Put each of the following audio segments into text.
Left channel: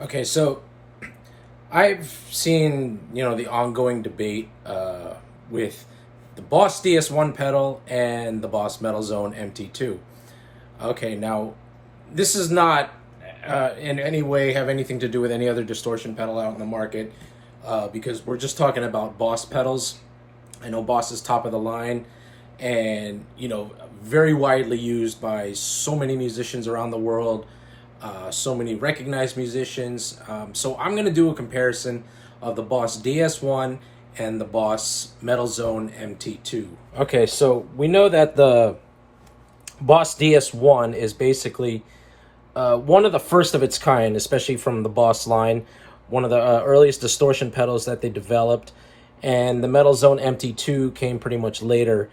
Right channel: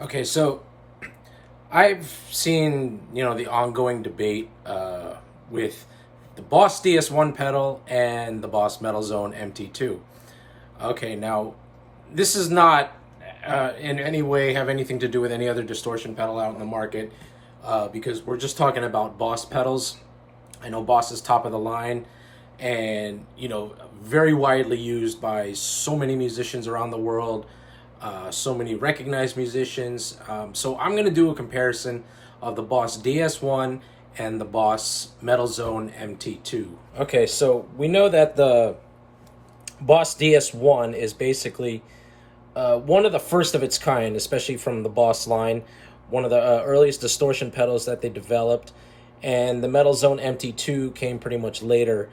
Okay, so I've seen, the ongoing debate with the Boss DS-1 pedal and the Boss Metal Zone MT-2. Okay, now this is not in any way have anything to do with any other distortion pedal out in the market because we're just talking about Boss pedals. I know Boss is top of the line and, very widely used by so many musicians around the world, so many recognized musicians. So I'm going to do a comparison of the Boss DS-1 and the Boss Metal Zone MT-2. Okay, so we know that the Boss DS-1 is basically one of the first of its kind, especially from the Boss line, one of the earliest distortion pedals that they developed, and the Metal Zone MT-2 came pretty much later.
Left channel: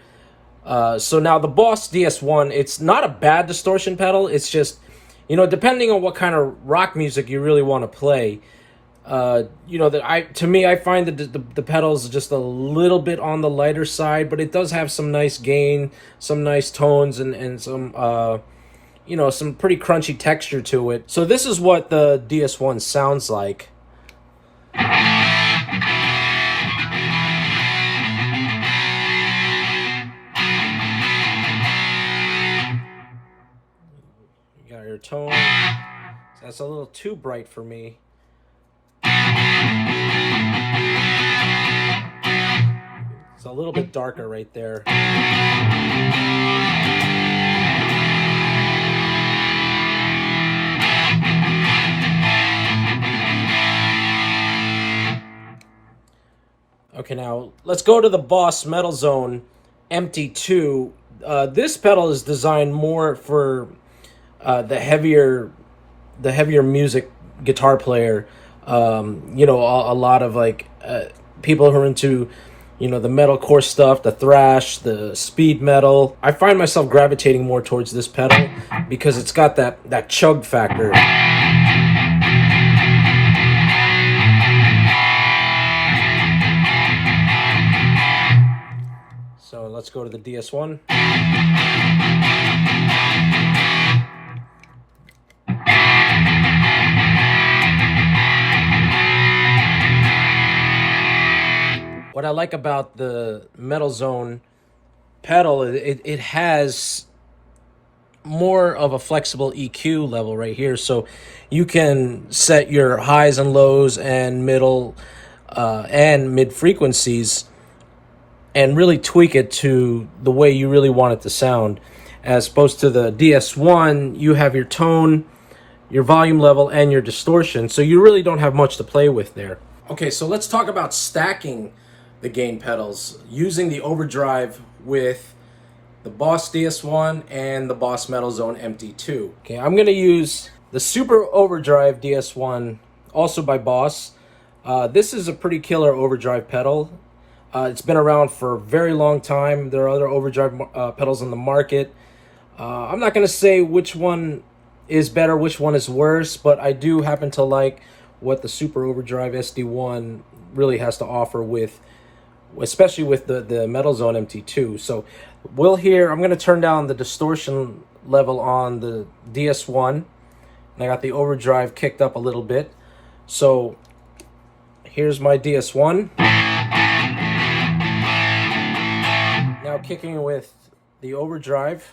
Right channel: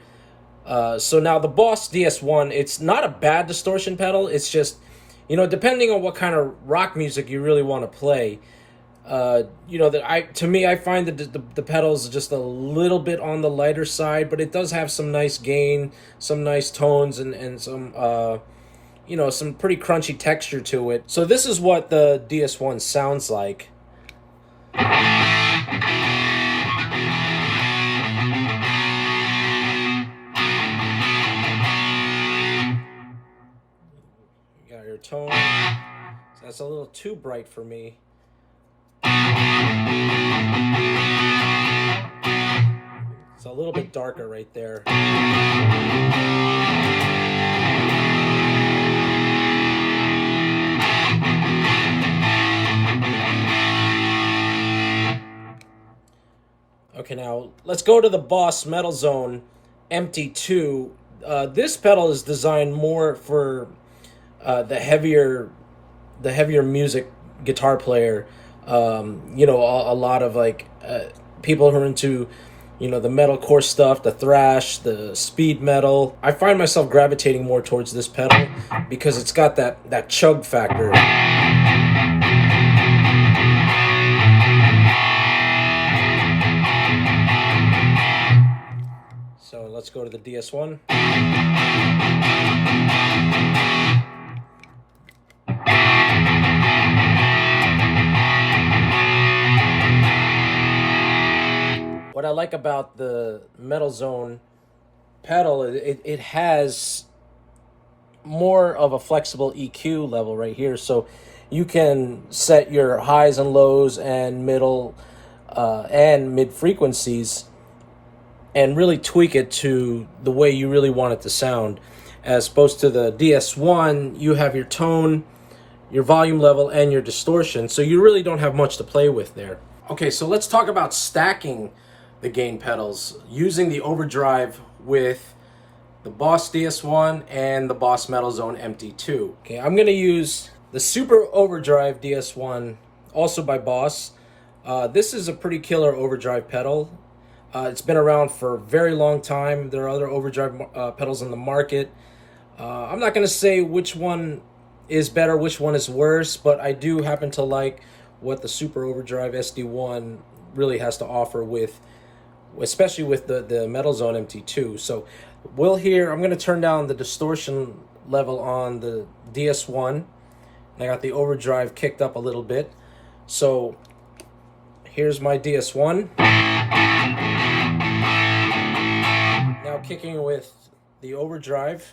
So now the Boss DS-1, it's not a bad distortion pedal, it's just, depending on what kind of rock music you really want to play, to me, I find that the pedals just a little bit on the lighter side, but it does have some nice gain, some nice tones, and some, some pretty crunchy texture to it. So this is what the DS-1 sounds like. You got your tone. That's a little too bright for me. It's a little bit darker right there. Okay, now let's go to the Boss Metal Zone MT-2. This pedal is designed more for the heavier music guitar player. A lot of people who are into the metalcore stuff, the thrash, the speed metal. I find myself gravitating more towards this pedal because it's got that chug factor. So let's go to the DS-1. What I like about the Metal Zone pedal, it has more of a flexible EQ level right here, so you can set your highs and lows and middle and mid frequencies and really tweak it to the way you really want it to sound. As opposed to the DS-1, you have your tone, your volume level, and your distortion, so you really don't have much to play with there. Okay, so let's talk about stacking the gain pedals using the overdrive with the Boss DS-1 and the Boss Metal Zone MT-2. Okay, I'm going to use the Super Overdrive DS-1, also by Boss. This is a pretty killer overdrive pedal. It's been around for a very long time. There are other overdrive pedals on the market. I'm not going to say which one is better, which one is worse, but I do happen to like what the Super Overdrive SD-1 really has to offer with, especially with the Metal Zone MT-2. So I'm going to turn down the distortion level on the DS-1. I got the overdrive kicked up a little bit. So here's my DS-1. Now kicking with the overdrive.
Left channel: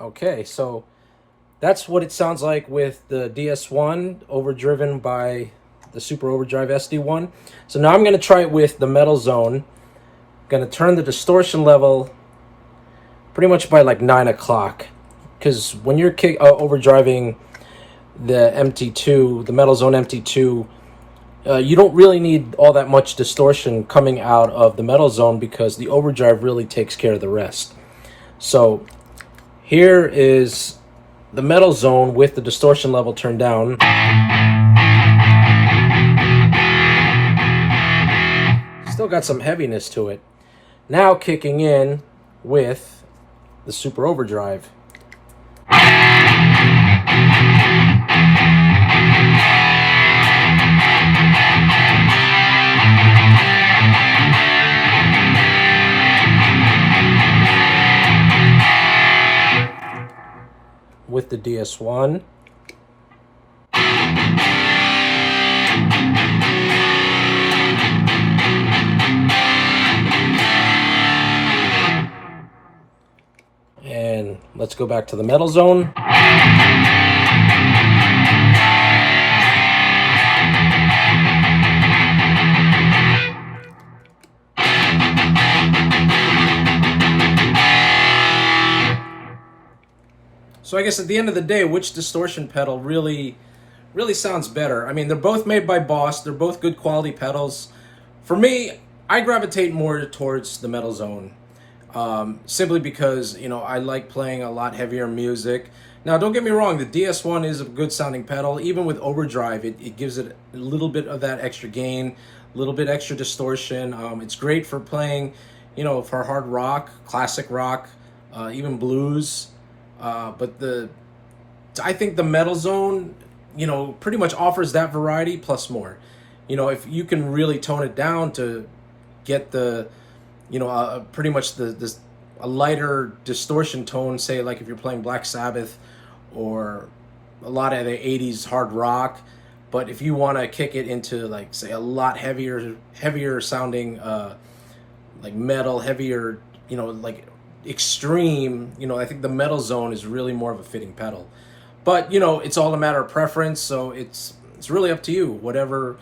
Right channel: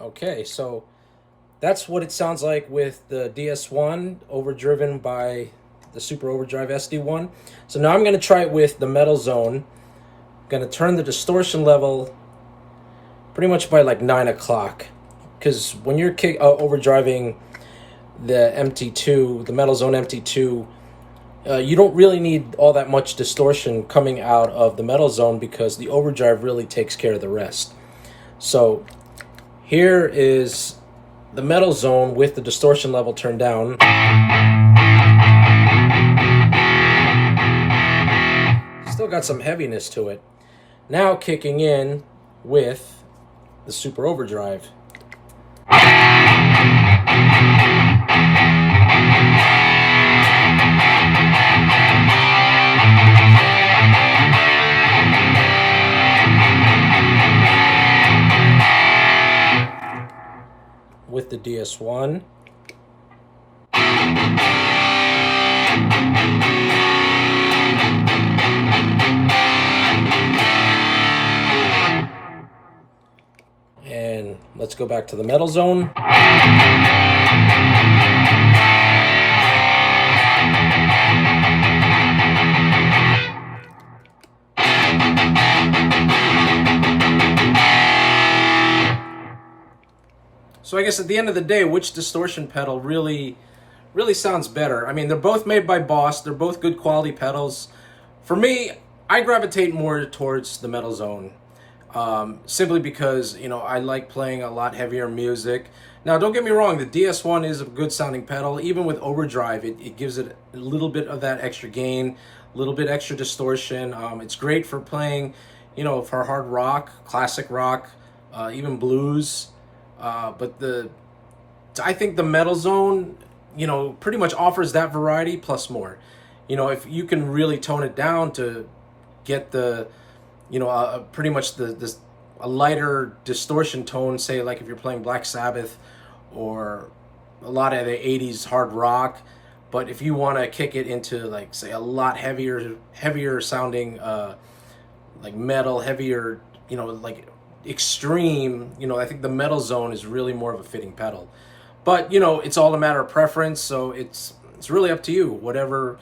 Okay, so that's what it sounds like with the DS-1 overdriven by the Super Overdrive SD-1. So now I'm going to try it with the Metal Zone. I'm going to turn the distortion level pretty much by like 9 o'clock. Because when you're overdriving the MT-2, the Metal Zone MT-2, you don't really need all that much distortion coming out of the Metal Zone because the overdrive really takes care of the rest. So here is the Metal Zone with the distortion level turned down. Still got some heaviness to it. Now kicking in with the Super Overdrive. DS-1. And let's go back to the metal zone. So I guess at the end of the day, which distortion pedal really sounds better? I mean, they're both made by Boss. They're both good quality pedals. For me, I gravitate more towards the metal zone. Simply because, you know, I like playing a lot heavier music. Now, don't get me wrong, the DS-1 is a good sounding pedal. Even with overdrive, it gives it a little bit of that extra gain, a little bit extra distortion. It's great for playing, you know, for hard rock, classic rock, even blues. But I think the metal zone, you know, pretty much offers that variety plus more. You know, if you can really tone it down to get the, you know, pretty much a lighter distortion tone, say like if you're playing Black Sabbath or a lot of the 80s hard rock. But if you want to kick it into, like, say, a lot heavier sounding, like metal, heavier, you know, like extreme, you know, I think the metal zone is really more of a fitting pedal. But, you know, it's all a matter of preference, so it's really up to you. Whatever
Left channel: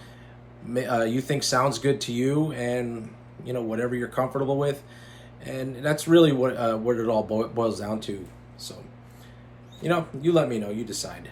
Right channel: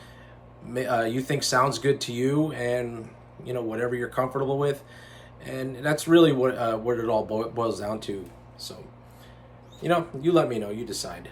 you think sounds good to you, and, you know, whatever you're comfortable with. And that's really what it all boils down to. So, you know, you let me know, you decide.